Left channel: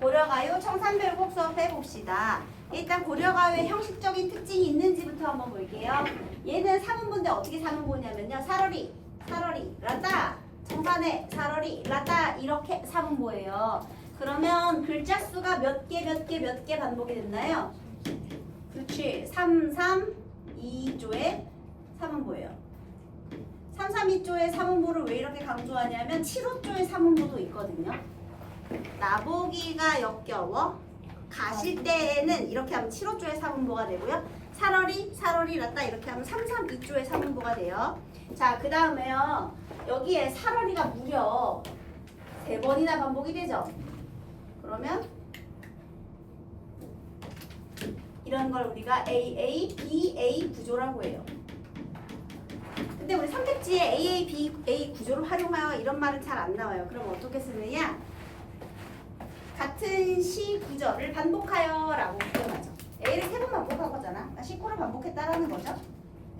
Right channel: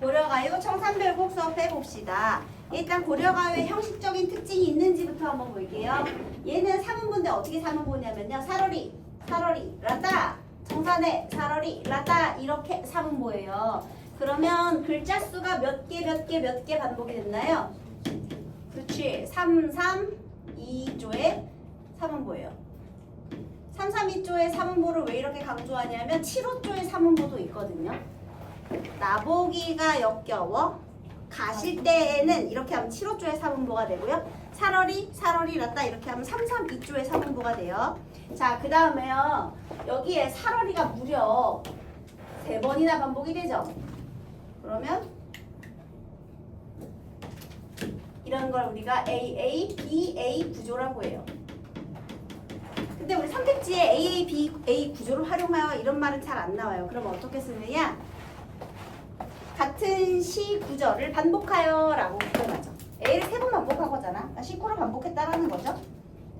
고려가요 청산별곡 수업해 봅시다. 일단 고려가요의 형식적인 특징이 있는지부터 한번 볼게요. 얘는 3인분인데 어떻게 3인분이냐면요. 사러리, 라따, 청산에, 사러리, 라따 이렇게 3인보예요. 그러면 글자 수가 몇 개 반복이 됐나요? 그렇지. 3, 3, 2조의 3인보예요. 3, 3, 2조의 3인보를 왜 이렇게 강조하냐면 7호조의 3인보도 있거든요. 나보기가 역겨워. 가실 때에는 이렇게 하면 7호조의 3인보가 되고요. 사러리, 라따 이렇게 하면 3, 3, 2조의 3인보가 돼요. 자, 그 다음에요. 여기에 사러리가 무려 3번이나 반복이 되죠. 그러면 이런 걸 우리가 AA, BA 구조라고 해요. 근데 우리 선택지에 AA, BA 구조를 활용하여 이런 말은 잘 안 나와요. 그럼 어떻게 쓰느냐? 같은 시 구절을 반복하여 라고 표현하죠. A를 3번 반복한 거잖아. 19를 반복했다라는 거죠.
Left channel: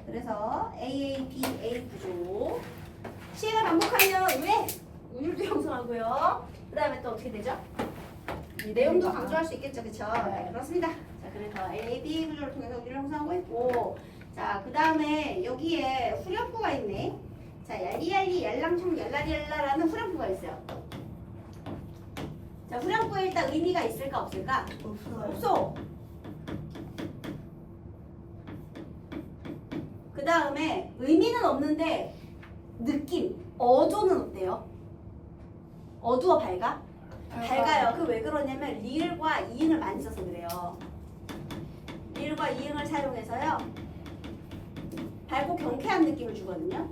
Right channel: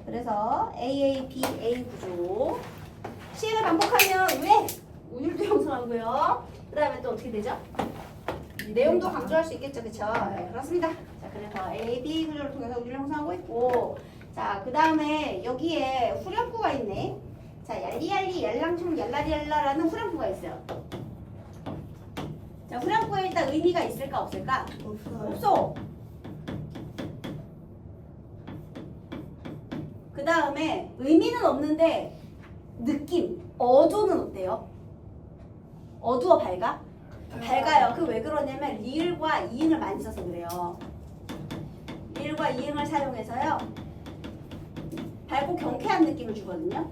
그래서 AA, BA 구조. 시를 반복하면 왜? 운율도 형성하고요. 그 다음에 또 어떻게 되죠? 내용도 강조할 수 있겠죠. 그쵸? 네, 그렇습니다. 자, 그래서 A, B 구조를 통해서 운율을 형성하고 있고, 자, 그 다음에 여기에 후렴구가 있네. 자, 얄리얄리, 얄랑총, 얄라리얄라라는 후렴구가 있어요. 자, 후렴구에 일단 의미가 있을까 없을까? 없어. 그 다음에 의미는 없는데 느낌, 어조는 어때요? 어두워 밝아? 밝아요. 그 왜 그러냐면 리을과 이응을 많이 써서 그래요. 리을과 이응을 사용해서요. 밝고 경쾌한 느낌을 주거든요.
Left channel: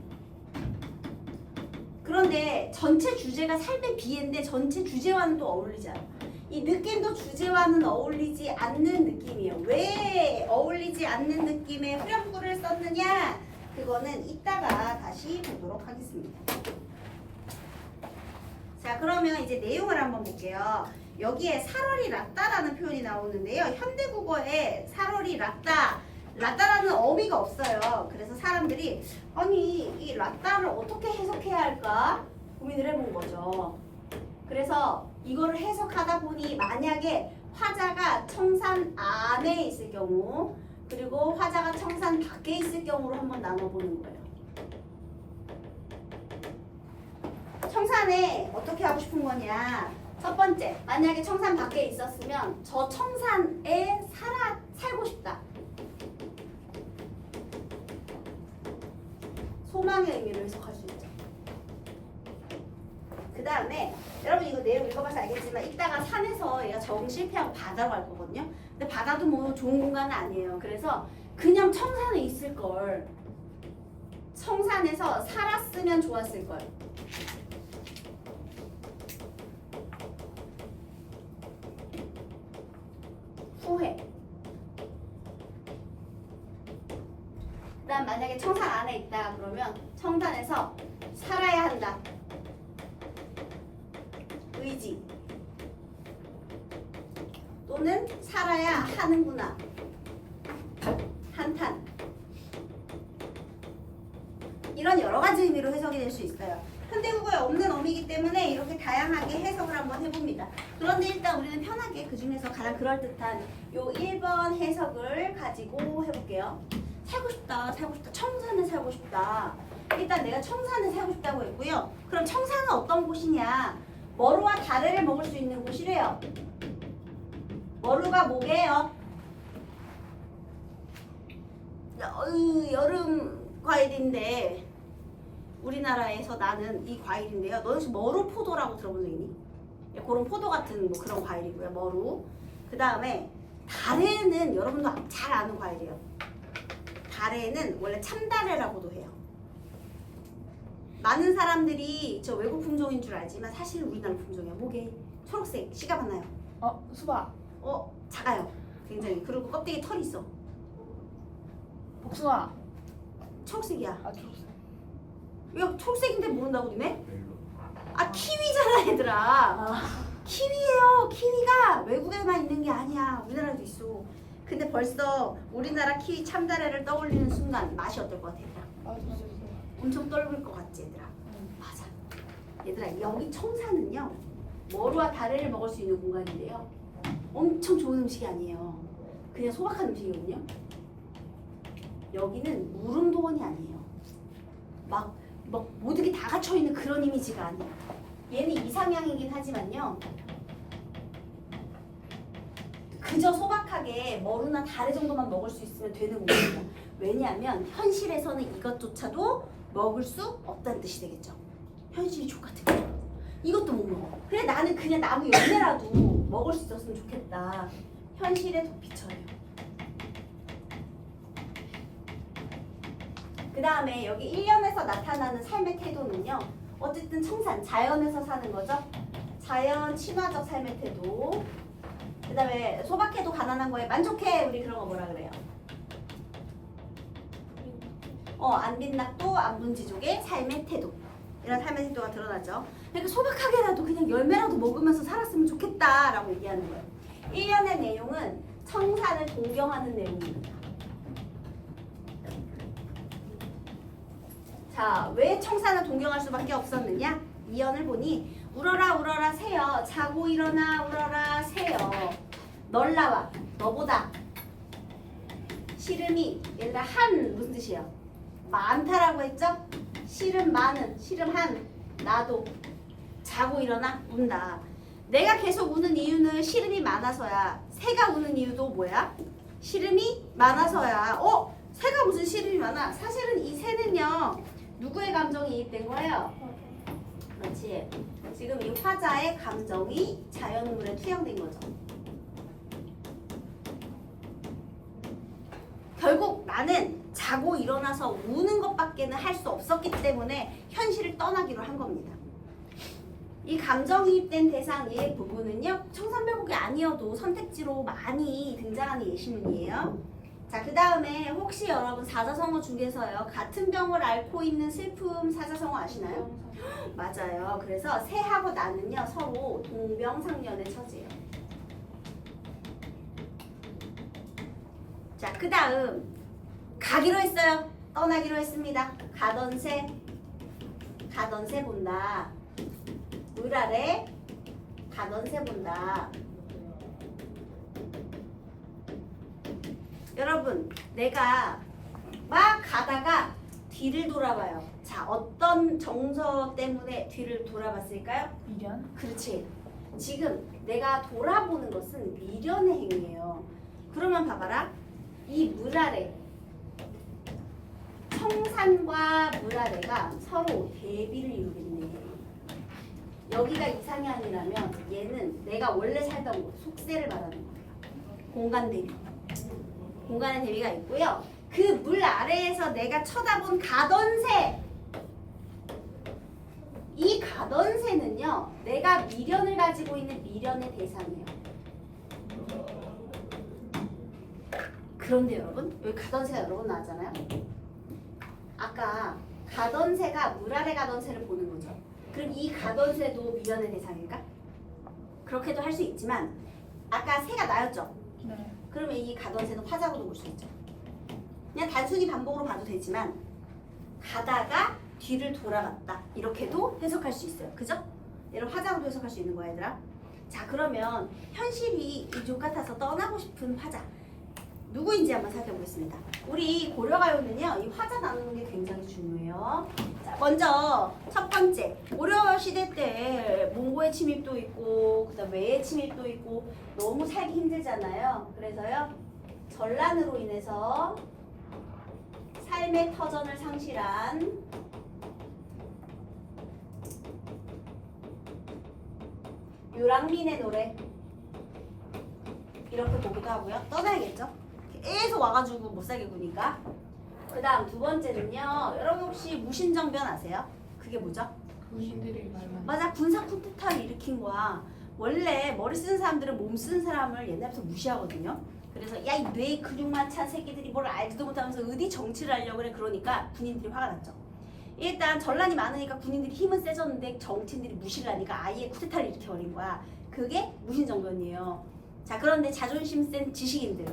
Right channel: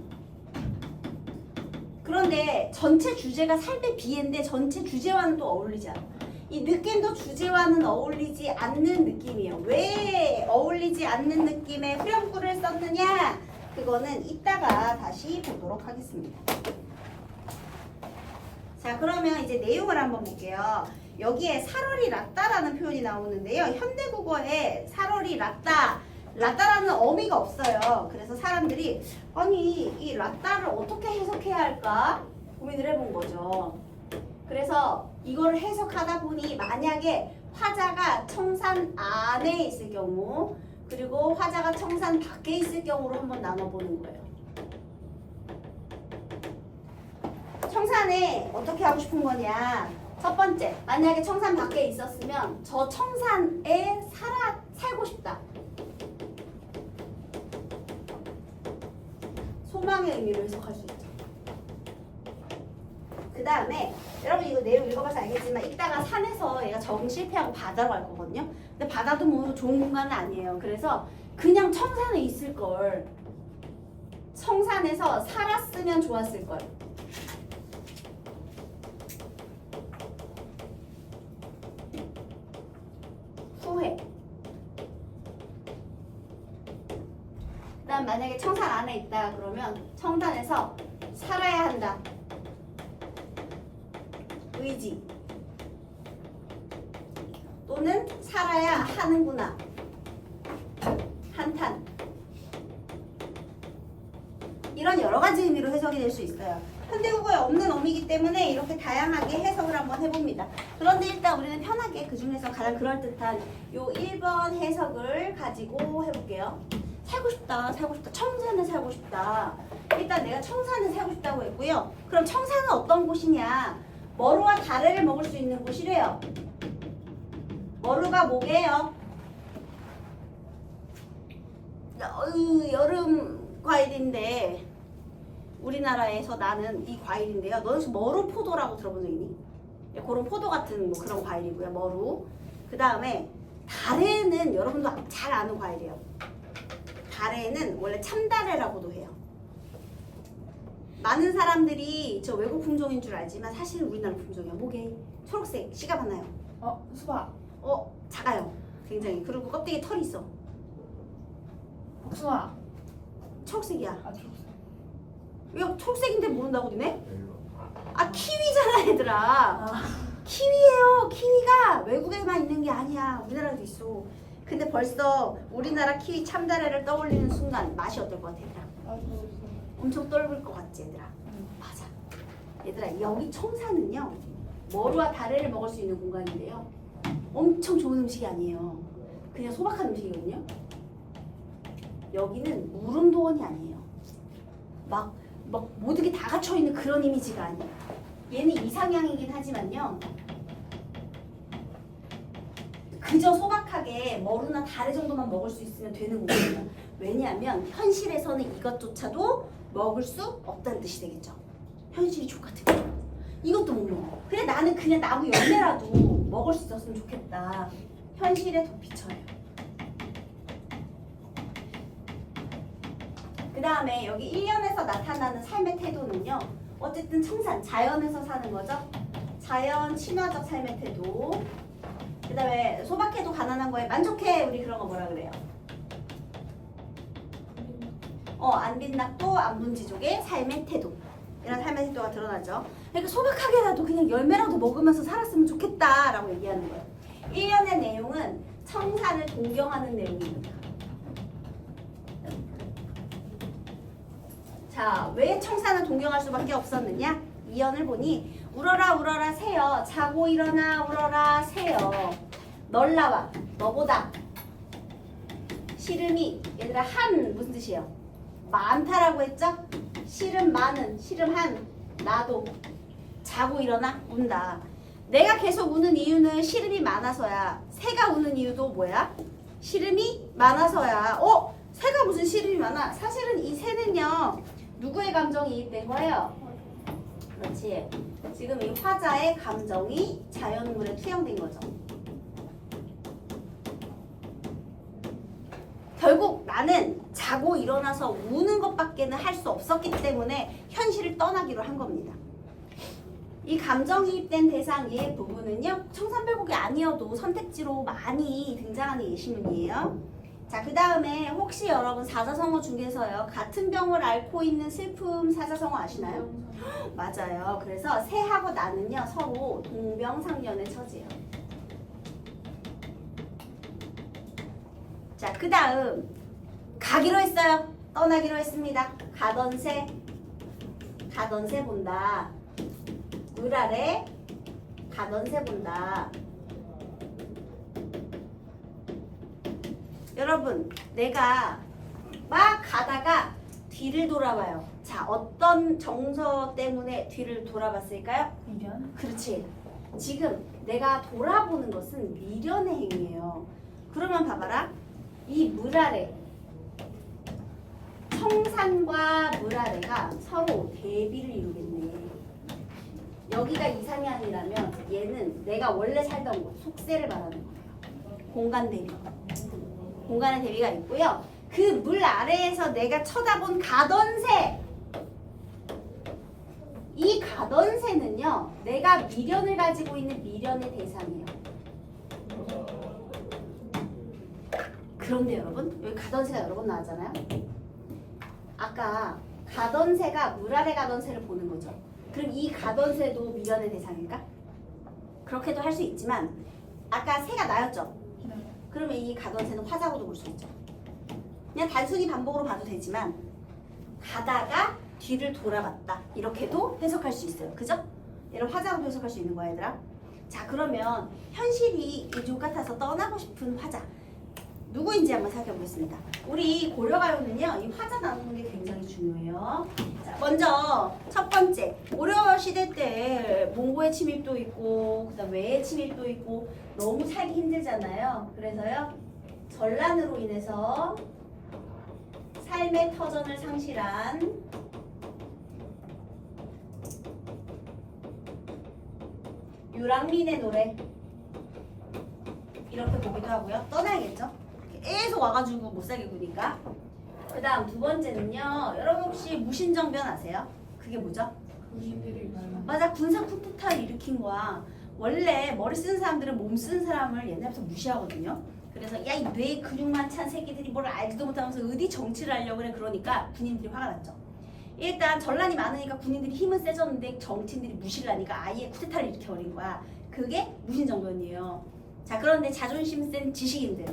그런데 전체 주제가 삶의 비애인데 전체 주제와는 또 어울리지 않아요. 이 느낌도 주제와는 어울리지 않는 느낌이에요. 왜 어울리지 않는 느낌의 후렴구를 썼느냐? 그거는 이따가 다시 보도록 하겠습니다. 자, 그러면 이제 내용을 한번 볼게요. 여기에 사러리 라따라는 표현이 나오는데요. 현대국어에 사러리 라따라는 어미가 없어요. 그래서 사람들이 아니 이 라따를 어떻게 해석해야 할까 고민을 해본 거죠. 그래서 이거를 해석하다 보니 만약에 화자가 청산 안에 있을 경우 그리고 화자가 청산 밖에 있을 경우로 한번 나눠보는 거예요. 청산에 어떻게 하고 싶은 거냐. 첫 번째, 만약에 청산 밖에 있었으면 저 청산에 살고 싶다. 소망의 의미로 해석할 수 있죠. 그 다음에 여러분 이거 내용 읽어봐서 알겠지만 이따가 산에서 얘가 적응 실패하고 바다로 갈 거거든요. 근데 바다도 뭐 좋은 공간은 아니에요. 그래서 그냥 청산에 있을 걸. 청산에서 살았으면 좋았을 걸. 후회. 그 다음 만약에 청산 안에 있다 그러면 청산에서 살아야 한다. 의지. 또는 살아야 하는구나. 한탄. 이런 여러 가지 의미로 해석이 될 수 있어요. 현대국어에 없는 어미이기 때문에 이렇게 다양하게 해석을 한번 해봅니다. 그런데 일단 우리는 편하게 그 중에서 가장 그럴듯한 요 1번 해석을 가지고 해볼게요. 살고 싶다. 청산에 살고 싶다. 일단 내가 청산에 살고 싶다고 했고요. 그럼 청산은 어떤 곳이냐? 머루와 다래를 먹을 수 있는 곳이래요. 머루가 뭐게요? 여름 과일인데 우리나라에서 나는 이 과일인데요. 너는 혹시 머루 포도라고 들어본 적 있니? 그런 포도 같은 뭐 그런 과일이고요. 머루. 그 다음에 다래는 여러분도 잘 아는 과일이에요. 다래는 원래 참다래라고도 해요. 많은 사람들이 저 외국 품종인 줄 알지만 사실 우리나라 품종이에요. 목에 초록색 씨가 많아요. 수박. 작아요. 굉장히. 그리고 껍데기에 털이 있어. 복숭아. 초록색이야. 초록색. 왜 초록색인데 모른다고 니네? 키위잖아 얘들아. 키위예요. 키위가 외국에만 있는 게 아니야. 우리나라에도 있어. 근데 벌써 우리나라 키위 참다래를 떠올리는 순간 맛이 어떨 것 같아 얘들아? 엄청 떫을 것 같지 얘들아? 맞아. 얘들아 여기 청사는요 머루와 다래를 먹을 수 있는 공간인데요. 엄청 좋은 음식이 아니에요. 그냥 소박한 음식이거든요. 여기는 무릉도원이 아니에요. 막 모든 게 다 갖춰 있는 그런 이미지가 아니에요. 얘는 이상향이긴 하지만요. 그저 소박하게 머루나 다래 정도만 먹을 수 있으면 되는 공간이에요. 왜냐하면 현실에서는 이것조차도 먹을 수 없다는 뜻이 되겠죠. 현실이 족같은 거예요. 이것도 못 먹어. 그래 나는 그냥 나무 열매라도 먹을 수 있었으면 좋겠다. 현실에 도피처예요. 그 다음에 여기 1년에서 나타나는 삶의 태도는요. 어쨌든 청산, 자연에서 사는 거죠. 자연 친화적 삶의 태도. 그 다음에 소박해도 가난한 거에 만족해. 우리 그런 거 뭐라 그래요? 안빈낙도 안분지족의 삶의 태도. 이런 삶의 태도가 드러나죠. 그러니까 소박하게라도 그냥 열매라도 먹으면서 살았으면 좋겠다라고 얘기하는 거예요. 1년의 내용은 청산을 동경하는 내용입니다. 자, 왜 청산을 동경할 수밖에 없었느냐? 2연을 보니 울어라 울어라 새여 자고 일어나 울어라 새여 널 나와 너보다 시름이 얘들아 한 무슨 뜻이에요? 많다라고 했죠? 시름 많은 시름 한 나도 자고 일어나 운다. 내가 계속 우는 이유는 시름이 많아서야. 새가 우는 이유도 뭐야? 시름이 많아서야. 새가 무슨 시름이 많아? 사실은 이 새는요 누구의 감정이 이입된 거예요? 그렇지. 지금 이 화자의 감정이 자연물에 투영된 거죠. 결국 나는 자고 일어나서 우는 것밖에는 할 수 없었기 때문에 현실을 떠나기로 한 겁니다. 이 감정이입된 대상의 부분은요. 청산별곡이 아니어도 선택지로 많이 등장하는 예시문이에요. 자, 그 다음에 혹시 여러분 사자성어 중에서요. 같은 병을 앓고 있는 슬픔 사자성어 아시나요? 맞아요. 그래서 새하고 나는요. 서로 동병상련의 처지예요. 자, 그 다음 가기로 했어요. 떠나기로 했습니다. 가던 새 본다. 물 아래 가던 새 본다. 여러분, 내가 막 가다가 뒤를 돌아봐요. 자, 어떤 정서 때문에 뒤를 돌아봤을까요? 미련? 그렇지. 지금 내가 돌아보는 것은 미련의 행위예요. 그러면 봐봐라. 이 물 아래 청산과 물 아래가 서로 대비를 이루겠네. 여기가 이상향이라면 얘는 내가 원래 살던 곳, 속세를 말하는 거예요. 공간 대비. 공간의 대비가 있고요. 그 물 아래에서 내가 쳐다본 가던 새. 이 가던 새는요. 내가 미련을 가지고 있는 미련의 대상이에요. 그런데 여러분, 여기 가던 새가 여러 번 나왔잖아요. 아까 가던 새가 물 아래 가던 새를 보는 거죠. 그럼 이 가던 새도 미련의 대상일까? 그렇게도 할 수 있지만 아까 새가 나였죠? 네. 그러면 이 가던 새는 화자로도 볼 수 있죠. 그냥 단순히 반복으로 봐도 되지만 가다가 뒤를 돌아봤다. 이렇게도 해석할 수 있어요. 그죠? 얘를 화자로도 해석할 수 있는 거야, 얘들아. 자, 그러면 현실이 이족 같아서 떠나고 싶은 화자. 누구인지 한번 살펴보겠습니다. 우리 고려가요는요, 이 화자 나누는 게 굉장히 중요해요. 자, 먼저 첫 번째, 고려 시대 때 몽고의 침입도 있고, 그다음 외의 침입도 있고, 너무 살기 힘들잖아요. 그래서요, 전란으로 인해서 삶의 터전을 상실한 유랑민의 노래 이렇게 보기도 하고요. 떠나야겠죠? 계속 와가지고 못 살게 구니까. 그 다음 두 번째는요. 여러분 혹시 무신정변 아세요? 그게 뭐죠? 군인들이 맞아. 군사 쿠데타를 일으킨 거야. 원래 머리 쓰는 사람들은 몸 쓰는 사람을 옛날부터 무시하거든요. 그래서 야, 이 뇌 근육만 찬 새끼들이 뭘 알지도 못하면서 어디 정치를 하려고 그래. 그러니까 군인들이 화가 났죠. 일단 전란이 많으니까 군인들이 힘은 세졌는데 정치인들이 무시를 하니까 아예 쿠데타를 일으켜버린 거야. 그게 무신정변이에요. 자, 그런데 자존심 센 지식인들,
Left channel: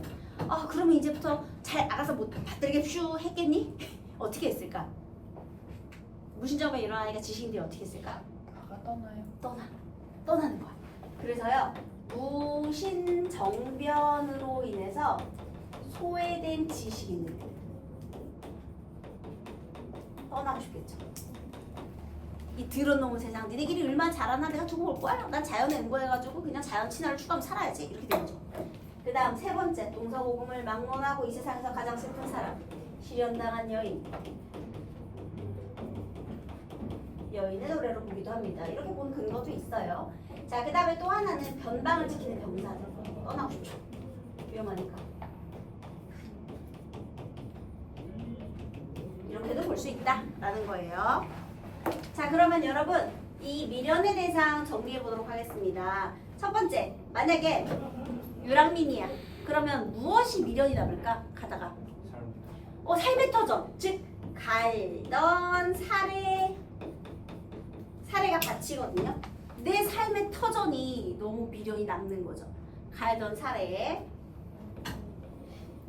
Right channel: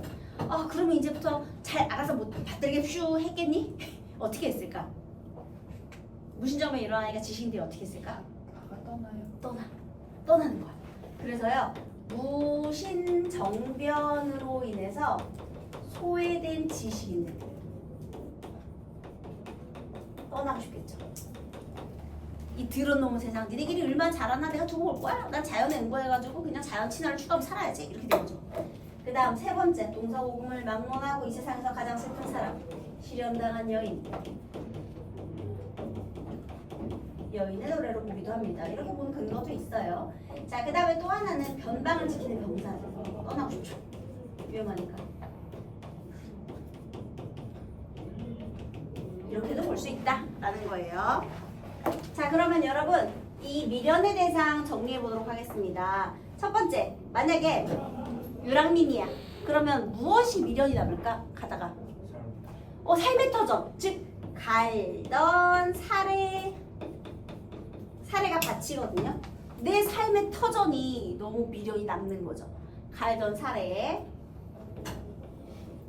그러면 이제부터 잘 알아서 못 받들게 퓨 했겠니? 어떻게 했을까? 무신정변이 일어나니까 지식인들이 어떻게 했을까? 다 떠나요. 떠나는 거야. 그래서요, 무신정변으로 인해서 소외된 지식인들 떠나고 싶겠죠. 이 더러운 세상, 니네끼리 얼마나 잘하나 내가 두고 올 거야? 난 자연에 응고해가지고 그냥 자연 친화를 추구하고 살아야지. 이렇게 되죠. 그 다음 세 번째, 동서고금을 막론하고 이 세상에서 가장 슬픈 사람, 실현당한 여인. 여인의 노래로 보기도 합니다. 이렇게 보는 근거도 있어요. 자, 그 다음에 또 하나는 변방을 지키는 병사들. 떠나고 싶죠. 위험하니까. 이렇게도 볼 수 있다라는 거예요. 자, 그러면 여러분 이 미련의 대상 정리해 보도록 하겠습니다. 첫 번째, 만약에 유랑민이야. 그러면 무엇이 미련이 남을까? 가다가 삶의 터전, 즉 갈던 사례가 바치거든요. 내 삶의 터전이 너무 미련이 남는 거죠. 갈던 사례.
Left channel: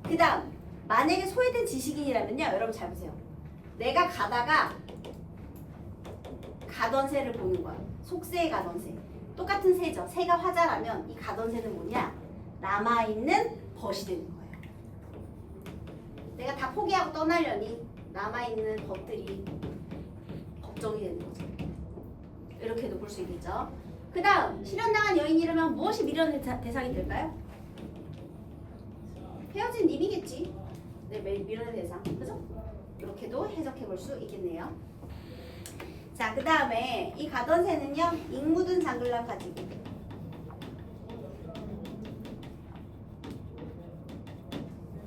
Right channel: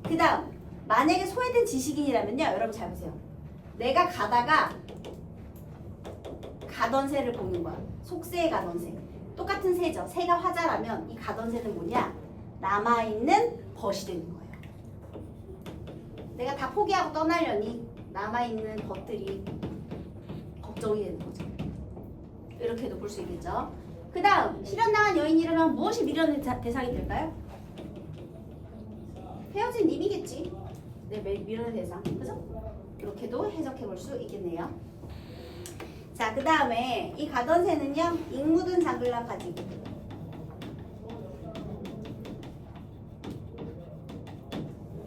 그 다음, 만약에 소외된 지식인이라면요, 여러분 잘 보세요. 내가 가다가 가던 새를 보는 거야. 속새에 가던 새. 똑같은 새죠. 새가 화자라면 이 가던 새는 뭐냐? 남아있는 벗이 되는 거예요. 내가 다 포기하고 떠나려니 남아있는 벗들이 걱정이 되는 거죠. 이렇게도 볼 수 있겠죠. 그 다음, 실현당한 여인이라면 무엇이 미련의 대상이 될까요? 헤어진 님이겠지. 네, 미련의 대상. 그죠? 이렇게도 해석해 볼 수 있겠네요. 자, 그 다음에 이 가던 새는요, 잉 묻은 장글락 가지고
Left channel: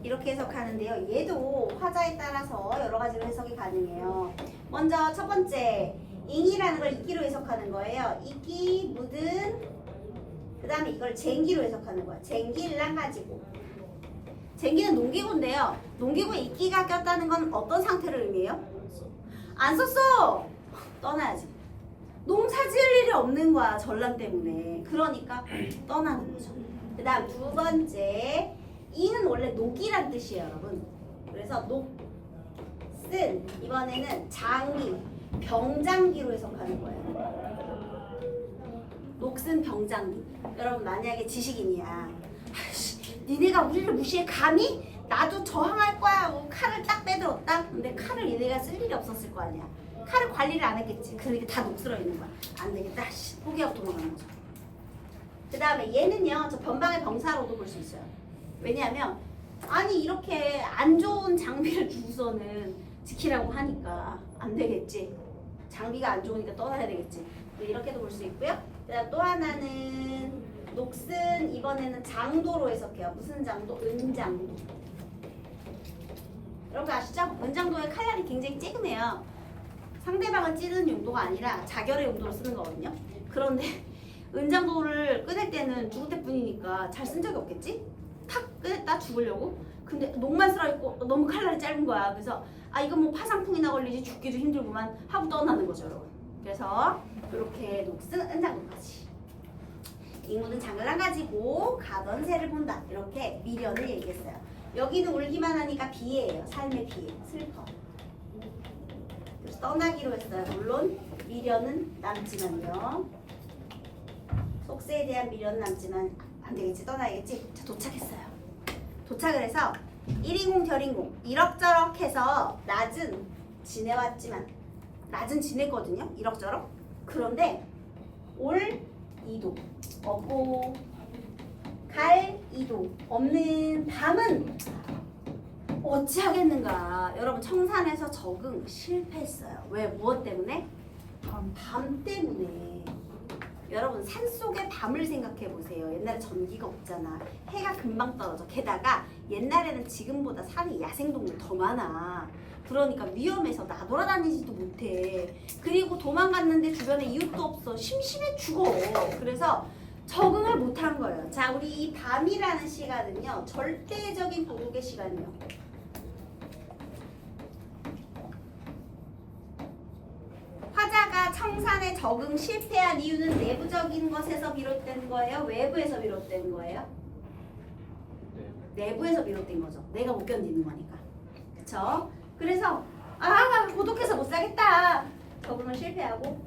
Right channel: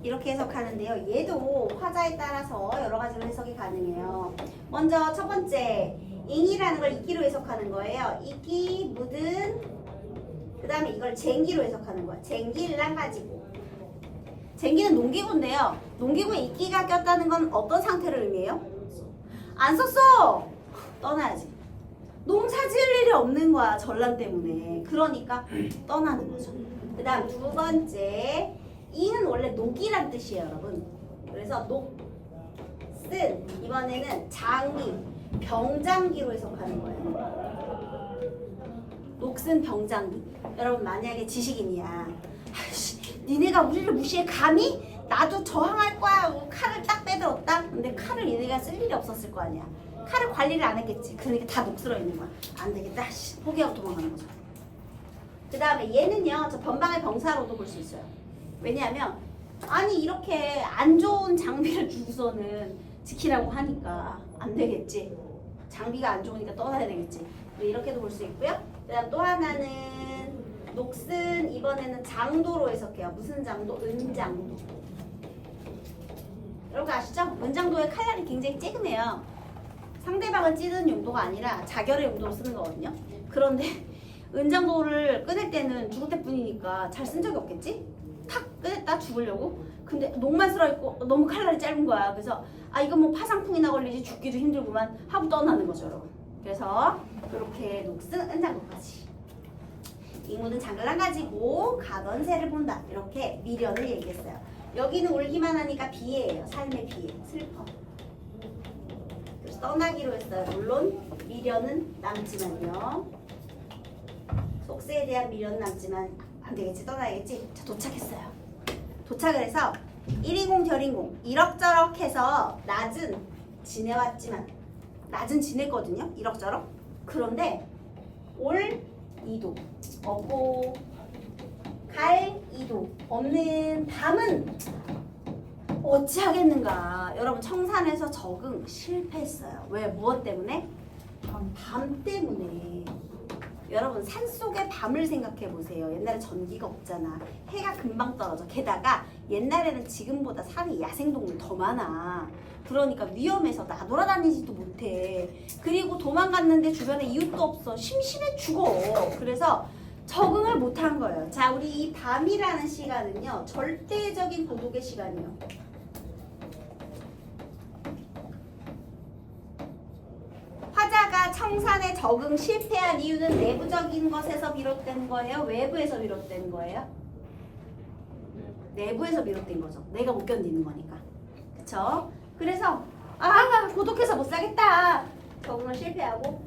이렇게 해석하는데요. 얘도 화자에 따라서 여러 가지로 해석이 가능해요. 먼저 첫 번째, 잉이라는 걸 이끼로 해석하는 거예요. 이끼, 묻은, 그 다음에 이걸 쟁기로 해석하는 거예요. 쟁기랑 가지고. 쟁기는 농기구인데요. 농기구에 이끼가 꼈다는 건 어떤 상태를 의미해요? 안 썼어! 떠나야지. 농사 지을 일이 없는 거야, 전란 때문에. 그러니까 떠나는 거죠. 그 다음 두 번째, 이는 원래 녹이란 뜻이에요, 여러분. 그래서 녹슨, 이번에는 장기, 병장기로 해석하는 거예요. 녹슨 병장기. 여러분 만약에 지식인이야. 니네가 우리를 무시해 감히? 나도 저항할 거야. 칼을 딱 빼들었다. 근데 칼을 얘네가 쓸 일이 없었을 거 아니야. 칼을 관리를 안 했겠지. 그러니까 다 녹슬어 있는 거야. 안 되겠다. 포기하고 도망가는 거죠. 그 다음에 얘는요, 저 변방의 병사로도 볼 수 있어요. 왜냐하면 아니 이렇게 안 좋은 장비를 주고서는 지키라고 하니까 안 되겠지. 장비가 안 좋으니까 떠나야 되겠지. 이렇게도 볼 수 있고요. 그 다음 또 하나는 녹슨, 이번에는 장도로 해석해요. 무슨 장도? 은장도. 여러분 아시죠? 은장도의 칼날이 굉장히 찌그매요. 상대방을 찌르는 용도가 아니라 자결의 용도로 쓰는 거거든요. 그런데 은장도를 꺼낼 때는 죽을 때뿐이니까 잘 쓴 적이 없겠지? 탁 꺼냈다 죽으려고. 근데 녹만 쓸어있고 너무 칼날이 짧은 거야. 그래서 이건 뭐 파상풍이나 걸리지 죽기도 힘들구만 하고 떠나는 거죠, 여러분. 그래서 이렇게 녹슨, 은장도까지. 잉묻은 장글랑 가지고 가던 새를 본다. 이렇게 미련을 얘기했어요. 여기는 울기만 하니까 비애예요. 삶의 비애, 슬퍼. 그래서 떠나기로 했어요. 물론 미련은 남지만요. 속세에 대한 미련은 남지만 안 되겠지, 떠나야겠지. 자, 도착했어요. 도착을 해서 1인공 결인공 이럭저럭 해서 낮은 지내왔지만 낮은 지냈거든요. 이럭저럭. 그런데 올 이도 없고 갈 이도 없는 밤은 어찌하겠는가. 여러분 청산에서 적응 실패했어요. 왜? 무엇 때문에? 밤 때문에. 여러분 산속의 밤을 생각해 보세요. 옛날에 전기가 없잖아. 해가 금방 떨어져. 게다가 옛날에는 지금보다 산에 야생동물 더 많아. 그러니까 위험해서 나돌아다니지도 못해. 그리고 도망갔는데 주변에 이웃도 없어. 심심해 죽어. 그래서 적응을 못한 거예요. 자, 우리 이 밤이라는 시간은요, 절대적인 고국의 시간이에요. 화자가 청산에 적응 실패한 이유는 내부적인 것에서 비롯된 거예요? 외부에서 비롯된 거예요? 내부에서 비롯된 거죠. 내가 못 견디는 거니까. 그쵸? 그래서 고독해서 못 살겠다. 적응을 실패하고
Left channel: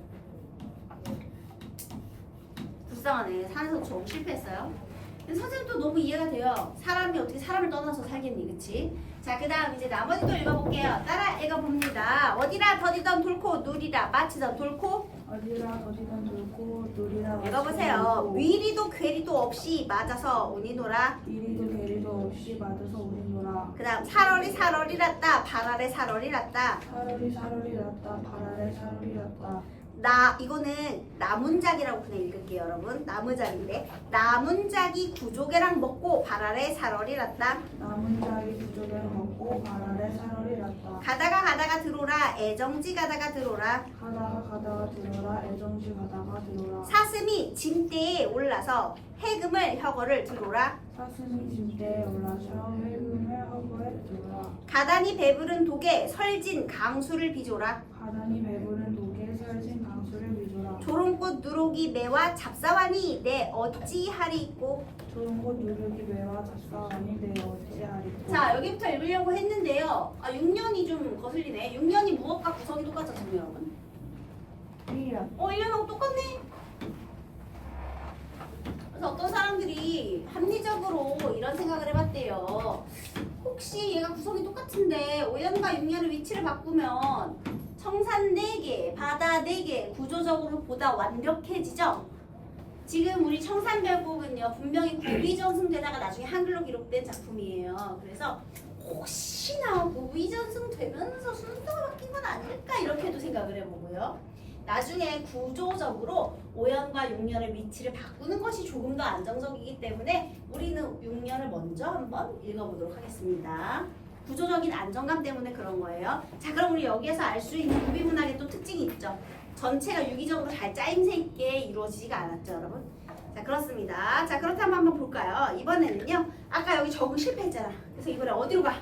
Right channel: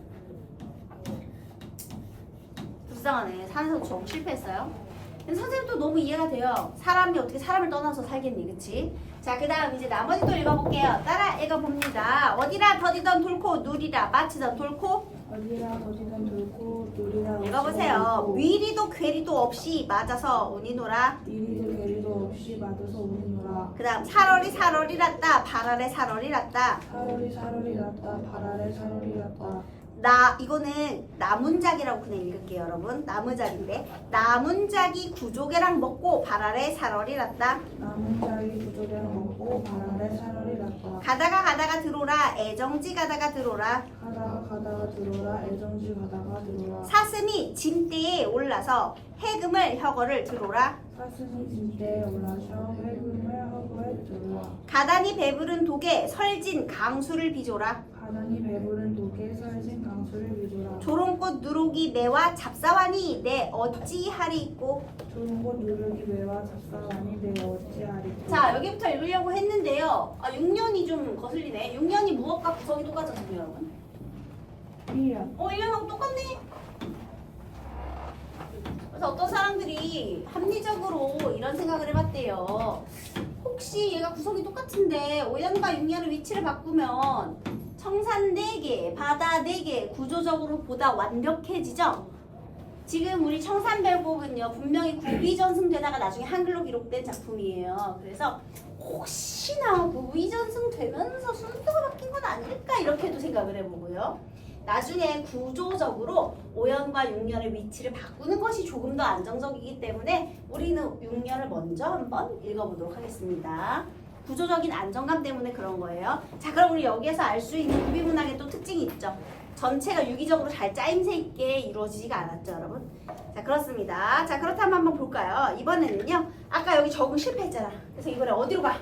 불쌍하네. 산에서 정 실패했어요. 근데 선생님도 너무 이해가 돼요. 사람이 어떻게 사람을 떠나서 살겠니, 그치? 자, 그 다음 이제 나머지 또 읽어볼게요. 따라 읽어봅니다. 어디라 더디던 돌고 누리라 마치던 돌고. 어디라 거지던 돌고 누리라 읽어보세요. 위리도 괴리도 없이 맞아서 운이노라. 이리도 괴리도 없이 맞아서 오는노라. 그 다음 살얼이 살얼이랐다 발아래 살얼이랐다. 사월이 사월이 났다 바랄에 사월이 났다. 이거는 나문작이라고 그냥 읽을게요, 여러분. 나무작인데 나문작이 구조개랑 먹고 발아래 살얼이랐다. 남은 자리 부족에는 먹고 바랄에 사월이 났다. 가다가 들어오라 애정지 가다가 들어오라. 가다가 들어라 애정지 가다가 들어라. 사슴이 짐대에 올라서 해금을 혀거를 들어오라. 사슴이 진대에 올라서 헬금을 허구에 들어라. 가다니 배부른 독에 설진 강수를 비조라. 가난이 배부른 독에 설진 강수를 비조라. 조롱꽃 누룩이 매와 잡사와니 내 어찌하리 있고. 좋은 곳 누르기 매와 잡사하니 내 어찌하리. 자, 여기부터 읽으려고 했는데요. 6년이 좀 거슬리네. 6년이 무엇과 구성이 똑같았죠, 여러분? 1년 1년하고 똑같네. 그래서 어떤 사람들이 합리적으로 이런 생각을 해봤대요. 혹시 얘가 구성이 똑같은데 5년과 6년의 위치를 바꾸면 청산 4개, 바다 4개 구조적으로 보다 완벽해지죠? 지금 우리 청산별곡은요 분명히 구위전승되다가 나중에 한글로 기록된 작품이에요. 그래서 혹시나 구위전승되면서 순서가 바뀐 건 아닐까 이렇게도 생각을 해보고요. 나중에 구조적으로 5년과 6년의 위치를 바꾸는 것이 조금 더 안정적이기 때문에 우리는 6년을 먼저 한번 읽어보도록 하겠습니다. 구조적인 안정감 때문에 그런 거예요. 자, 그럼 우리 여기에서 알 수 있는 구비문학의 또 특징이 있죠. 전체가 유기적으로 잘 짜임새 있게 이루어지지가 않았죠, 여러분? 자, 그렇습니다. 자, 그렇다면 한번 볼까요? 이번에는요, 아까 여기 적응 실패했잖아. 그래서 이번에 어디로 가?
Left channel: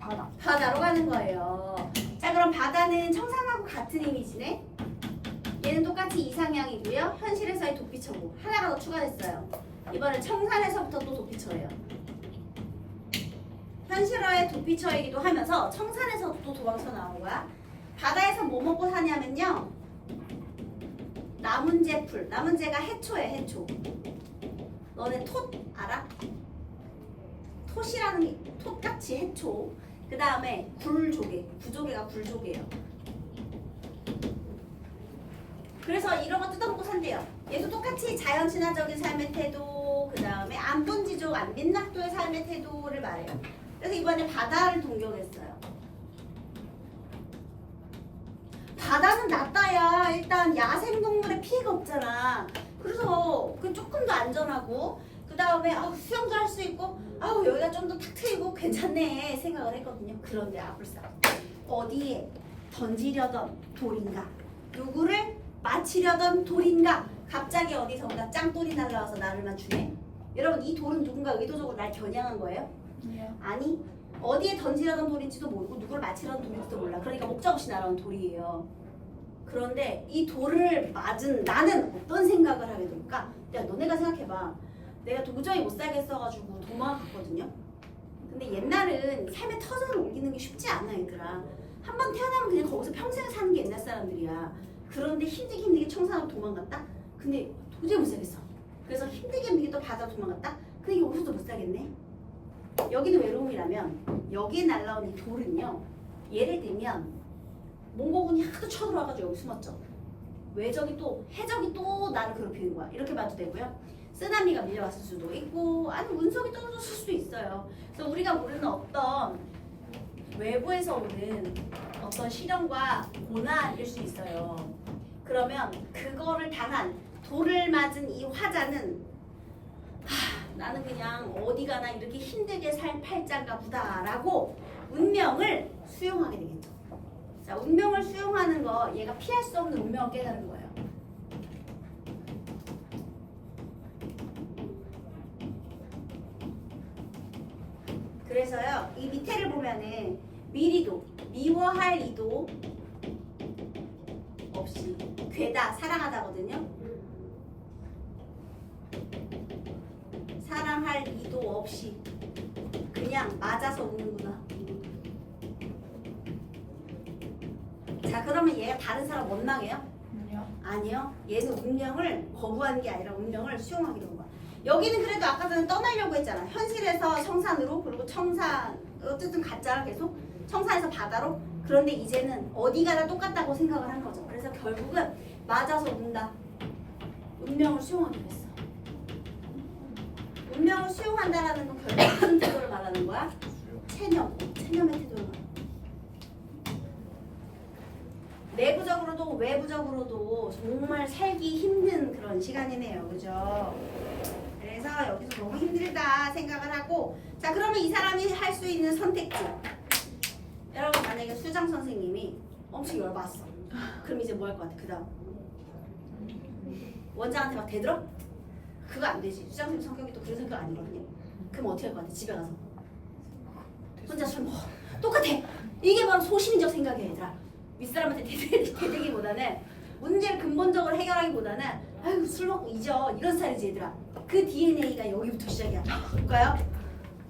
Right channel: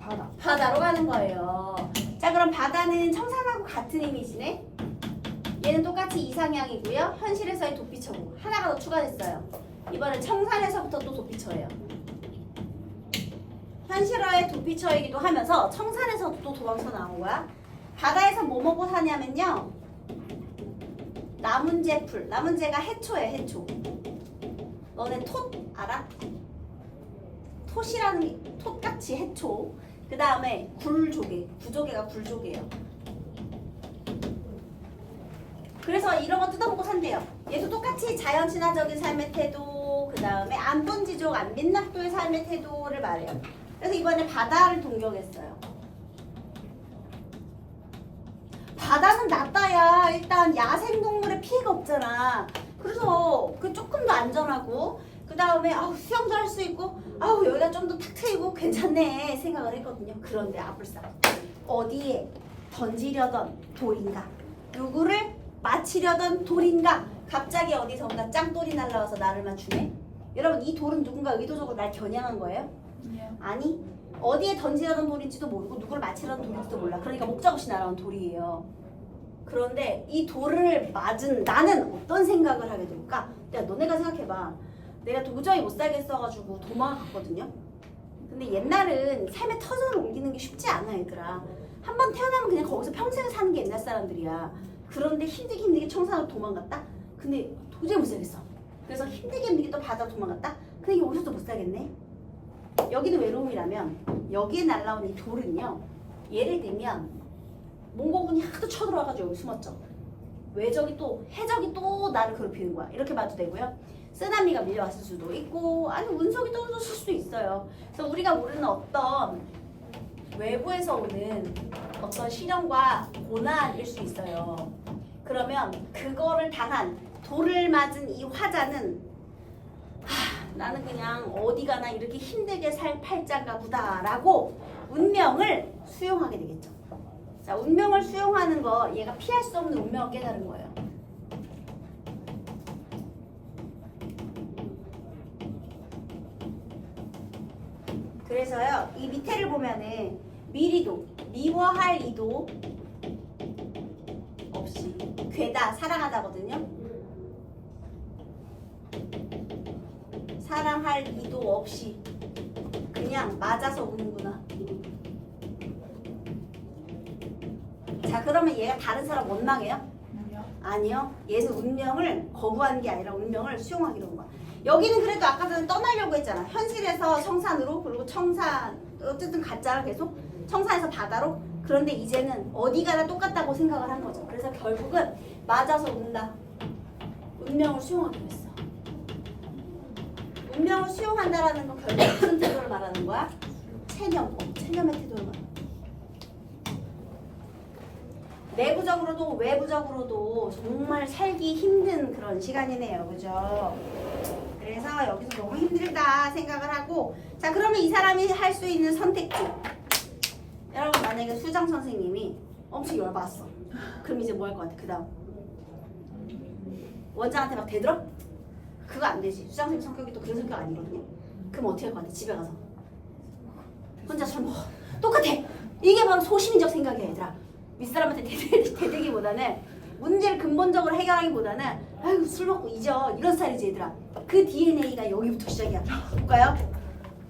바다. 바다로 가는 거예요. 자, 그럼 바다는 청산하고 같은 이미지네. 얘는 똑같이 이상향이고요. 현실에서의 도피처고 하나가 더 추가됐어요. 이번엔 청산에서부터 또 도피처예요. 현실화의 도피처이기도 하면서 청산에서도 또 도망쳐 나온 거야. 바다에서 뭐 먹고 사냐면요. 나문재풀. 나문재가 해초예요, 해초. 너네 톳 알아? 톳이라는 게 톳같이 해초. 그 다음에 굴조개. 구조개가 굴조개예요. 그래서 이런 거 뜯어먹고 산대요. 얘도 똑같이 자연 친화적인 삶의 태도, 그 다음에 안본지족, 안민낙도의 삶의 태도를 말해요. 그래서 이번에 바다를 동경했어요. 바다는 낫다야. 일단 야생동물의 피해가 없잖아. 그래서 그 조금 더 안전하고, 그 다음에 수영도 할 수 있고, 여기가 좀 더 탁 트이고 괜찮네 생각을 했거든요. 그런데 아불싸 어디에 던지려던 돌인가? 누구를 맞히려던 돌인가? 갑자기 어디선가 짱돌이 날라와서 나를 맞추네? 여러분, 이 돌은 누군가 의도적으로 날 겨냥한 거예요? 아니, 어디에 던지려던 돌인지도 모르고 누구를 맞히려던 돌인지도 몰라. 그러니까 목적 없이 날아온 돌이에요. 그런데 이 돌을 맞은 나는 어떤 생각을 하게 될까? 야, 너네가 생각해봐. 내가 도저히 못 살겠어가지고 도망을 갔거든요. 근데 옛날은 삶의 터전을 옮기는 게 쉽지 않아, 얘들아. 한 번 태어나면 그냥 거기서 평생을 사는 게 옛날 사람들이야. 그런데 힘들게 청산으로 도망갔다? 근데 도저히 못 살겠어. 그래서 힘들게 또 바다로 도망갔다? 근데 여기서도 못 살겠네? 여기는 외로움이라면 여기에 날라온 이 돌은요, 예를 들면 몽고군이 하도 쳐들어와가지고 여기 숨었죠. 외적이 또 해적이 또 나를 괴롭히는 거야. 이렇게 봐도 되고요. 쓰나미가 밀려왔을 수도 있고, 아니 운석이 떨어졌을 수도 있어요. 그래서 우리가 모르는 어떤 외부에서 오는 어떤 시련과 고난일 수 있어요. 그러면 그거를 당한 돌을 맞은 이 화자는 나는 그냥 어디 가나 이렇게 힘들게 살 팔자가 보다라고 운명을 수용하게 되겠죠. 자, 운명을 수용하는 거, 얘가 피할 수 없는 운명을 깨달은 거예요. 그래서요, 이 밑에를 보면은 미리도, 미워할 이도 없이 괴다, 사랑하다거든요. 사랑할 이도 없이 그냥 맞아서 우는구나. 자, 그러면 얘가 다른 사람 원망해요? 아니요. 얘는 운명을 거부하는 게 아니라 운명을 수용하기로 한 거야. 여기는 그래도 아까 전에 떠나려고 했잖아. 현실에서 청산으로 그리고 청산 어쨌든 가짜를 계속 청산에서 바다로. 그런데 이제는 어디 가나 똑같다고 생각을 한 거죠. 그래서 결국은 맞아서 운다. 운명을 수용하기로 했어. 운명을 수용한다라는 건 결국 무슨 태도를 말하는 거야? 체념의 태도를 말하는 거야. 내부적으로도 외부적으로도 정말 살기 힘든 그런 시간이네요. 그죠? 그래서 여기서 너무 힘들다 생각을 하고, 자 그러면 이 사람이 할 수 있는 선택지. 여러분 만약에 수장 선생님이 엄청 열받았어. 그럼 이제 뭐 할 것 같아? 그 다음 원장한테 막 대들어? 그거 안 되지. 수장 선생님 성격이 또 그런 성격 아니거든요. 그럼 어떻게 할 것 같아? 집에 가서 혼자 술 먹어. 똑같아. 이게 바로 소시민적 생각이야 얘들아. 윗사람한테 대들기보다는 문제를 근본적으로 해결하기보다는 아이고 술 먹고 잊어 이런 스타일이지 얘들아. 그 DNA가 여기부터 시작이야. 볼까요?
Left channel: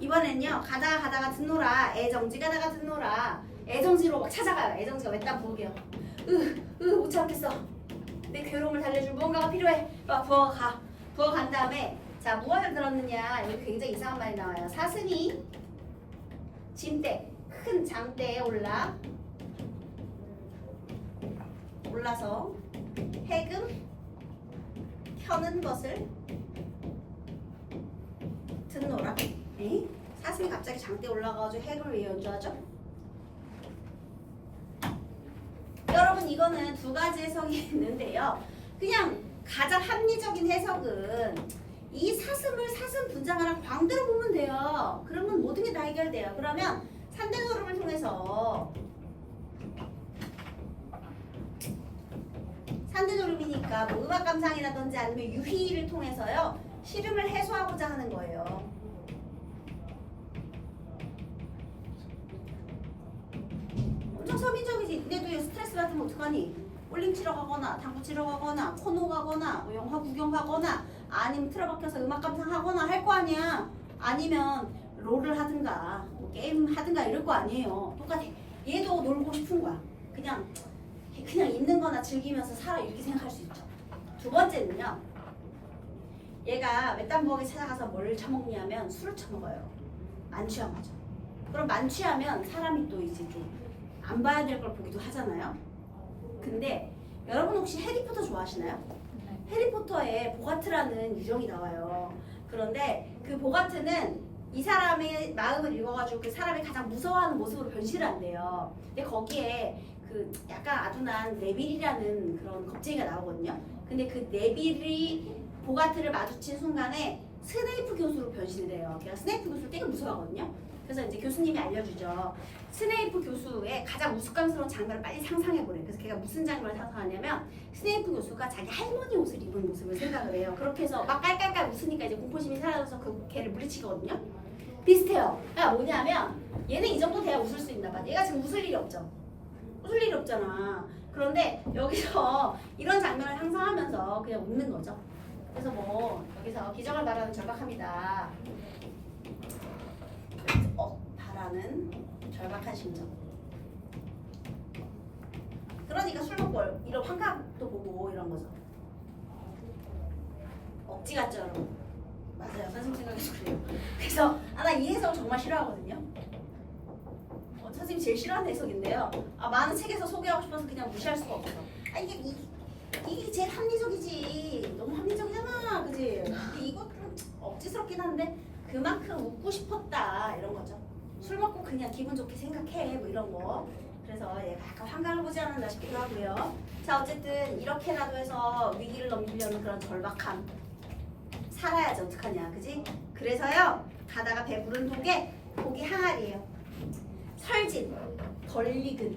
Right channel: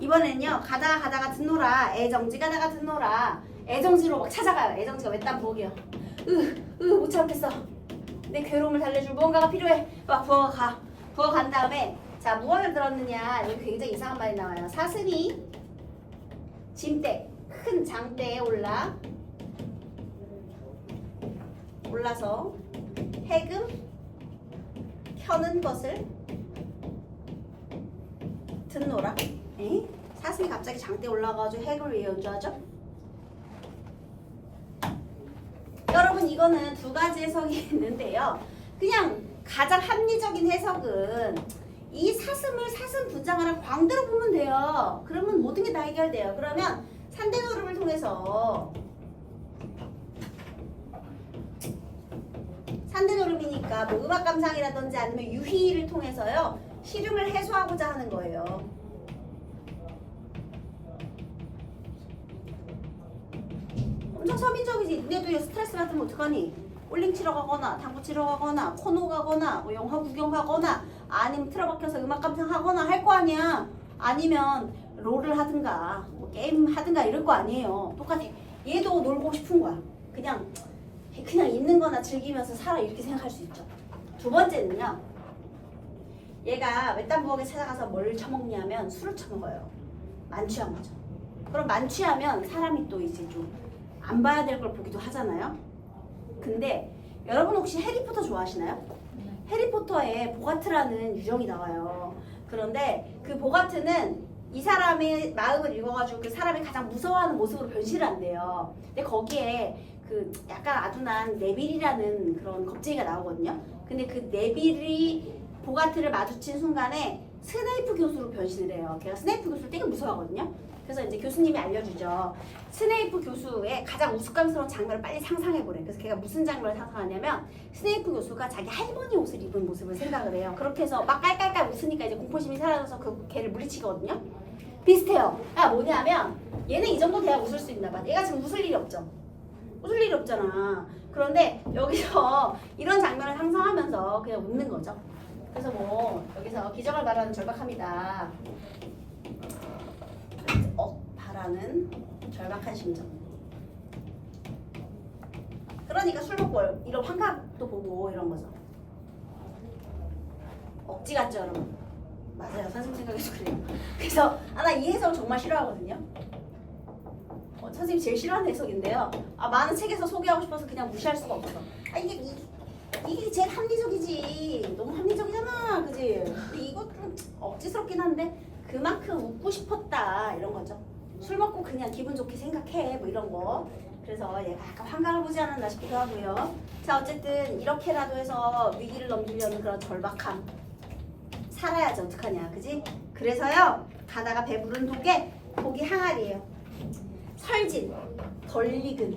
이번엔요 가다가 듣노라. 애정지 가다가 듣노라. 애정지로 막 찾아가요. 애정지가 외딴 부엌이에요. 못 참겠어. 내 괴로움을 달래줄 무언가가 필요해. 막 부엌 가. 부엌 간 다음에 자 무언을 들었느냐. 여기 굉장히 이상한 말이 나와요. 사슴이 짐대 큰 장대에 올라서 해금 켜는 것을 듣노라. 에? 사슴이 갑자기 장대에 올라가가지고 해금을 왜 연주하죠? 여러분 이거는 두 가지 해석이 있는데요. 그냥 가장 합리적인 해석은 이 사슴을 사슴 분장하는 광대로 보면 돼요. 그러면 모든 게 다 해결돼요. 그러면 산대노름을 통해서 산대노름이니까 뭐 음악 감상이라든지 아니면 유희를 통해서요 시름을 해소하고자 하는 거예요. 엄청 서민적이지. 근데도 스트레스 받으면 어떡하니? 볼링 치러 가거나 당구 치러 가거나 코노 가거나 뭐 영화 구경하거나 아니면 틀어박혀서 음악 감상하거나 할 거 아니야. 아니면 롤을 하든가 뭐 게임 하든가 이럴 거 아니에요. 똑같아. 얘도 놀고 싶은 거야. 그냥 있는 거나 즐기면서 살아 이렇게 생각할 수 있죠. 두 번째는요. 얘가 외딴 부엌에 찾아가서 뭘 처먹냐면 술을 처먹어요. 만취한 거죠. 그럼 만취하면 사람이 또 이제 좀 안 봐야 될 걸 보기도 하잖아요. 근데 여러분 혹시 해리포터 좋아하시나요? 해리포터에 보가트라는 유령이 나와요. 그런데 그 보가트는 이 사람의 마음을 읽어가지고 그 사람이 가장 무서워하는 모습으로 변신을 한대요. 근데 거기에 그 약간 아둔한 네빌이라는 그런 겁쟁이가 나오거든요. 근데 그 네빌이 보가트를 마주친 순간에 스네이프 교수로 변신을 해요. 걔가 스네이프 교수를 되게 무서워하거든요. 그래서 이제 교수님이 알려주죠. 스네이프 교수의 가장 우스꽝스러운 장면을 빨리 상상해보래. 그래서 걔가 무슨 장면을 상상하냐면 스네이프 교수가 자기 할머니 옷을 입은 모습을 생각을 해요. 그렇게 해서 막 깔깔깔 웃으니까 이제 공포심이 사라져서 그 걔를 물리치거든요. 비슷해요. 뭐냐면 얘는 이 정도 돼야 웃을 수 있나 봐. 얘가 지금 웃을 일이 없죠. 웃을 일이 없잖아. 그런데 여기서 이런 장면을 상상하면서 그냥 웃는 거죠. 그래서 뭐 여기서 기적을 바라는 절박합니다. 바라는 절박한 심정. 그러니까 술 먹고 이런 환각도 보고 이런 거죠. 억지 같죠 여러분? 맞아요. 선생님 생각해서 그래요. 그래서 나 이 해석 정말 싫어하거든요. 선생님이 제일 싫어하는 해석인데요. 많은 책에서 소개하고 싶어서 그냥 무시할 수가 없어. 이게 제일 합리적이지. 너무 합리적이잖아. 그지? 이거 좀 억지스럽긴 한데 그만큼 웃고 싶었다 이런 거죠. 술 먹고 그냥 기분 좋게 생각해 뭐 이런 거. 그래서 얘가 약간 환각을 보지 않았나 싶기도 하고요. 자 어쨌든 이렇게라도 해서 위기를 넘기려는 그런 절박함. 살아야지 어떡하냐 그지? 그래서요 가다가 배부른 독에 독이 항아리예요. 설진, 덜리든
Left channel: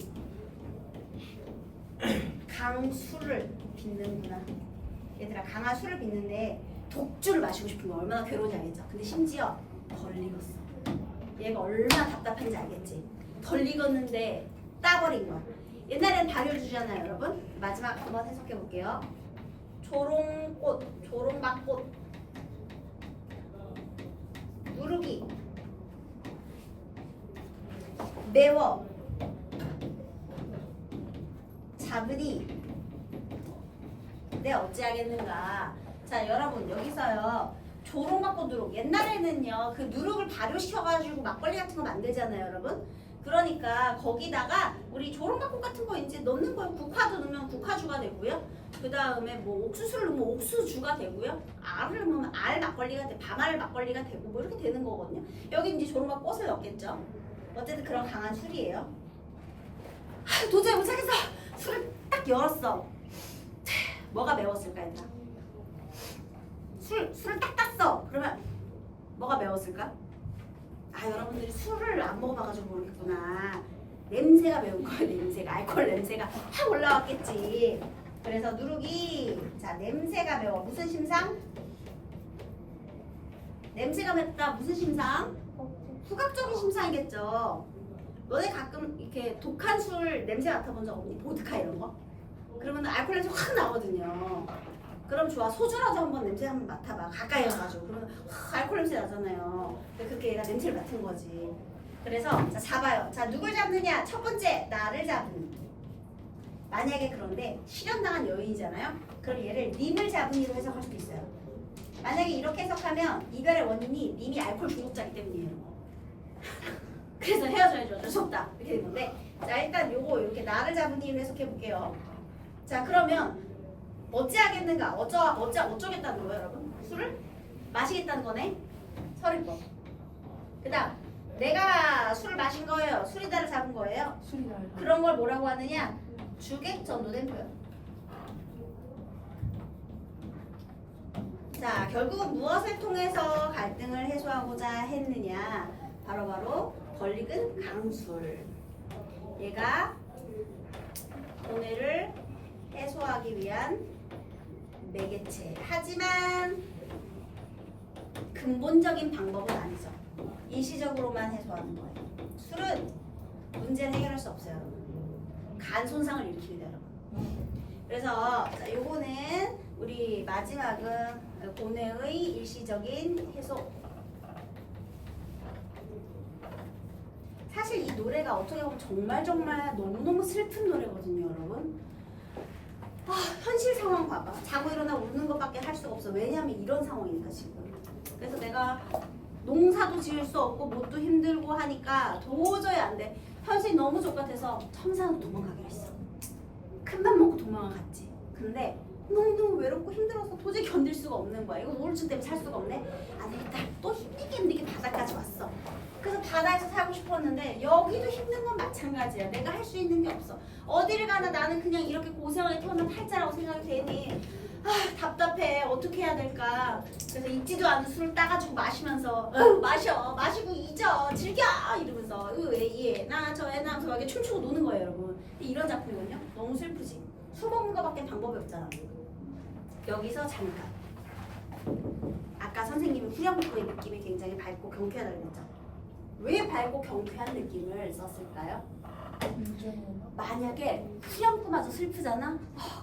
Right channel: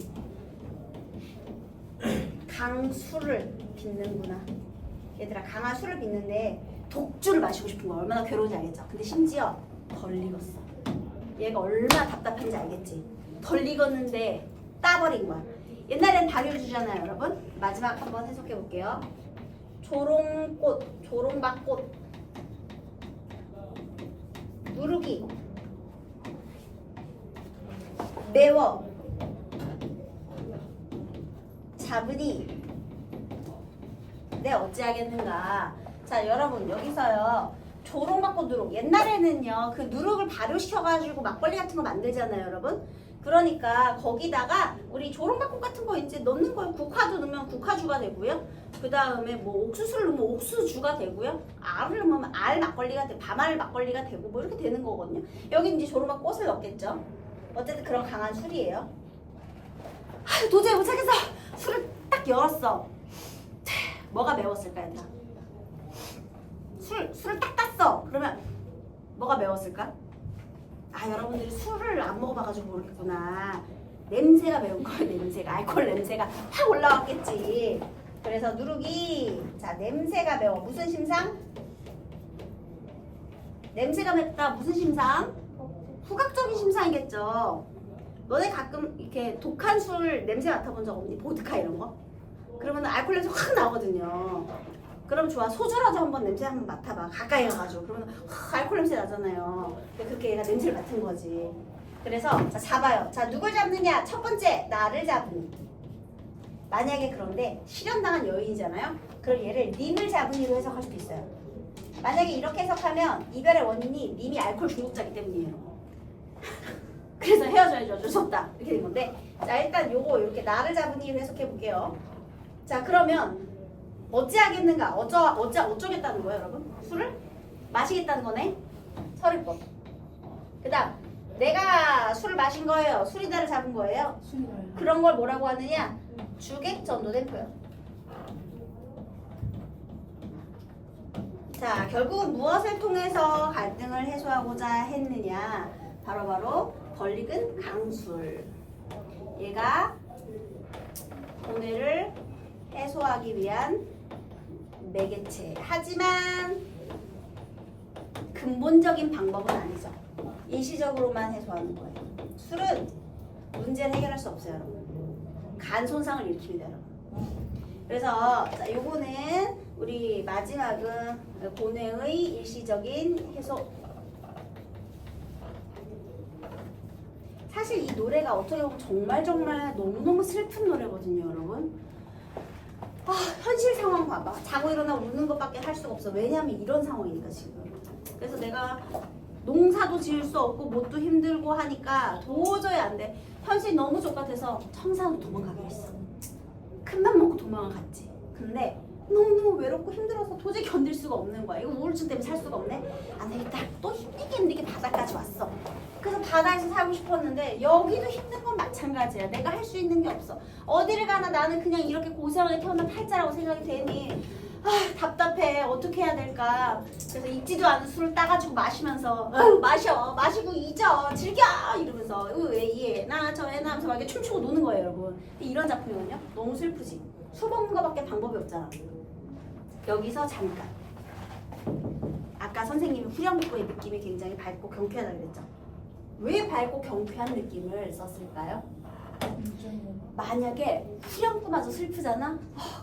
강술을 빚는구나. 얘들아 강한 술을 빚는데 독주를 마시고 싶은 거야. 얼마나 괴로운지 알겠죠? 근데 심지어 덜 익었어. 얘가 얼마나 답답한지 알겠지? 덜 익었는데 따버린 거야. 옛날엔 발효 주잖아요 여러분. 마지막 한번 해석해 볼게요. 조롱꽃, 조롱박꽃 누르기 매워 잡으니 있는데 어찌하겠는가. 자, 여러분 여기서요. 조롱받고 누룩. 옛날에는요. 그 누룩을 발효시켜가지고 막걸리 같은 거 만들잖아요, 여러분. 그러니까 거기다가 우리 조롱받고 같은 거 이제 넣는 거예요. 국화도 넣으면 국화주가 되고요. 그 다음에 뭐 옥수수를 넣으면 옥수주가 되고요. 알을 넣으면 알 막걸리가 돼, 밤알 막걸리가 되고 뭐 이렇게 되는 거거든요. 여기 이제 조롱받고 꽃을 넣겠죠. 어쨌든 그런 강한 술이에요. 아, 도저히 못 참겠어. 술을 딱 열었어. 뭐가 매웠을까, 얘들아? 술을 딱 땄어. 그러면 뭐가 매웠을까? 아, 여러분들이 술을 안 먹어봐가지고 모르겠구나. 냄새가 매운 거예요. 냄새가. 알코올 냄새가 확 올라왔겠지. 그래서 누룩이 자, 냄새가 매워. 무슨 심상? 냄새가 맵다. 무슨 심상? 후각적인 심상이겠죠. 너네 가끔 이렇게 독한 술 냄새 맡아본 적 없니? 보드카 이런 거? 그러면 알코올 냄새 확 나거든요. 그럼 좋아. 소주라도 한번 냄새 한번 맡아봐. 가까이 가가지고. 그러면 알코올 냄새 나잖아요. 근데 그렇게 얘가 냄새를 맡은 거지. 그래서 자, 잡아요. 자, 누굴 잡느냐? 첫 번째, 나를 잡은. 만약에 그런데 실현당한 여인이잖아요. 그럼 얘를 님을 잡은이로 해석할 수도 있어요. 만약에 이렇게 해석하면 이별의 원인이 님이 알코올 중독자이기 때문이에요. 그래서 헤어져야죠. 어쩔 수 없다. 이렇게 된 건데, 자, 일단 요거 이렇게 나를 잡은이로 해석해 볼게요. 자, 그러면 어찌하겠는가? 어쩌겠다는 거예요, 여러분? 술을 마시겠다는 거네. 설을법. 그다음 내가 술을 마신 거예요. 술이다를 잡은 거예요. 그런 걸 뭐라고 하느냐? 주객 전도된 거예요. 자, 결국 무엇을 통해서 갈등을 해소하고자 했느냐? 바로 권리근 강술. 얘가 고뇌를 해소하기 위한 매개체. 하지만 근본적인 방법은 아니죠. 일시적으로만 해소하는 거예요. 술은 문제는 해결할 수 없어요. 간 손상을 일으킵니다. 그래서 자, 요거는 우리 마지막은 고뇌의 일시적인 해소. 사실 이 노래가 어떻게 보면 정말 너무너무 슬픈 노래거든요, 여러분. 아, 현실 상황 봐봐. 자고 일어나 우는 것밖에 할 수가 없어. 왜냐하면 이런 상황이니까 지금. 그래서 내가 농사도 지을 수 없고 뭣도 힘들고 하니까 도저히 안 돼. 현실이 너무 족같아서 청산으로 도망가기로 했어. 큰맘 먹고 도망을 갔지. 근데 너무너무 외롭고 힘들어서 도저히 견딜 수가 없는 거야. 이거 우울증 때문에 살 수가 없네. 안 되겠다. 또 힘들게 바다까지 왔어. 그래서 바다에서 살고 싶었는데 여기도 힘든 건 마찬가지야. 내가 할 수 있는 게 없어. 어디를 가나 나는 그냥 이렇게 고생하게 태어난 팔자라고 생각이 되니 답답해. 어떻게 해야 될까. 그래서 잊지도 않은 술을 따가지고 마시면서 마시고 잊어 즐겨 이러면서 예, 나 저 애 나면서 막 이렇게 춤추고 노는 거예요, 여러분. 이런 작품이거든요. 너무 슬프지. 술 먹는 거밖에 방법이 없잖아. 여기서 잠깐 아까 선생님이 후렴구의 느낌이 굉장히 밝고 경쾌하다고 그랬죠. 왜 밝고 경쾌한 느낌을 썼을까요? 만약에 후렴구마저 슬프잖아?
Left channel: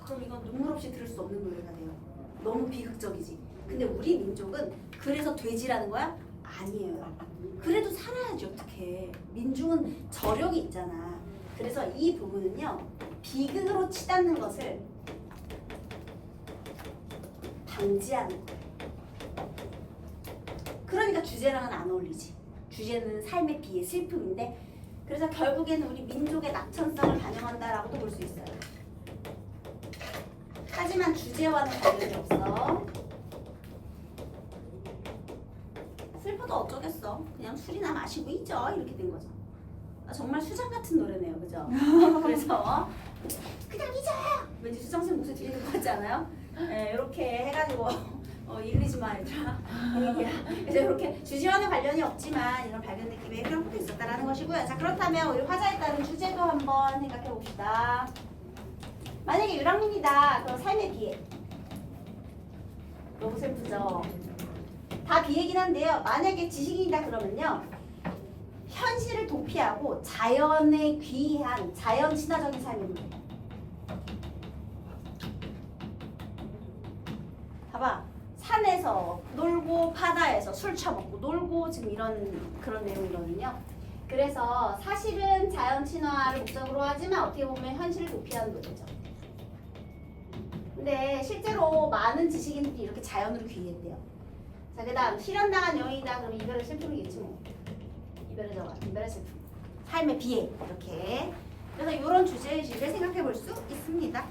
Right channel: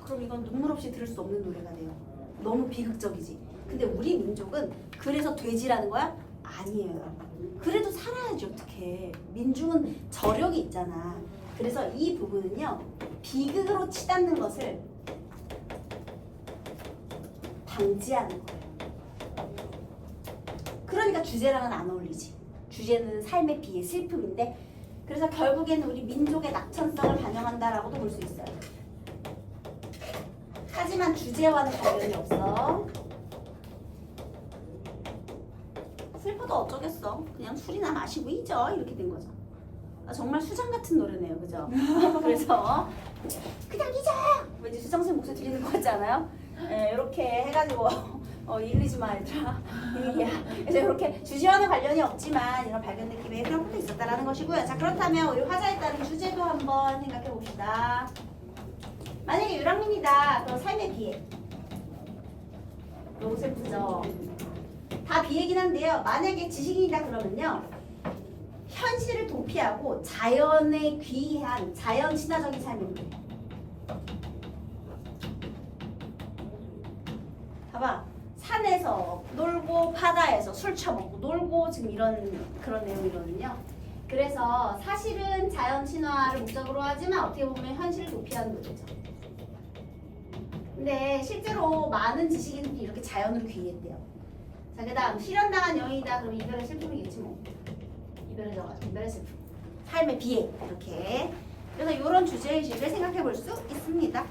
그럼 이건 눈물 없이 들을 수 없는 노래가 돼요. 너무 비극적이지. 근데 우리 민족은 그래서 돼지라는 거야? 아니에요. 그래도 살아야지 어떡해. 민중은 저력이 있잖아. 그래서 이 부분은요. 비극으로 치닫는 것을 방지하는 거예요. 그러니까 주제랑은 안 어울리지. 주제는 삶의 비애, 슬픔인데 그래서 결국에는 우리 민족의 낙천성을 반영한다라고도 볼 수 있어요. 하지만 주제와는 관련이 없어. 슬퍼도 어쩌겠어. 그냥 술이나 마시고 잊어. 이렇게 된 거죠. 정말 수장 같은 노래네요. 그죠? 그래서 그냥 잊어! 왠지 수정쌤 목소리 들리는 것 같지 않아요? 네, 이렇게 해가지고 이러지 마 얘들아. 분위기야. 그래서 이렇게 주제와는 관련이 없지만 이런 발견 느낌의 그런 것도 있었다라는 것이고요. 자, 그렇다면 우리 화자에 따른 주제도 한번 생각해 봅시다. 만약에 유랑민이다. 그럼 삶의 비애. 너무 슬프죠? 다 비애긴 한데요. 만약에 지식인이다 그러면요. 현실을 도피하고 자연에 귀한 자연 친화적인 삶입니다. 봐봐. 산에서 놀고 바다에서 술 처먹고 놀고 지금 이런 그런 내용이거든요. 그래서 사실은 자연 친화를 목적으로 하지만 어떻게 보면 현실을 도피하는 노래죠. 근데 실제로 많은 지식인들이 이렇게 자연으로 귀했대요. 자, 그 다음 실현당한 여인이다. 그러면 이별의 슬픔이겠지 뭐. 이별의 슬픔. 삶의 비애 이렇게. 그래서 이런 주제의식을 생각해 볼 수 있습니다.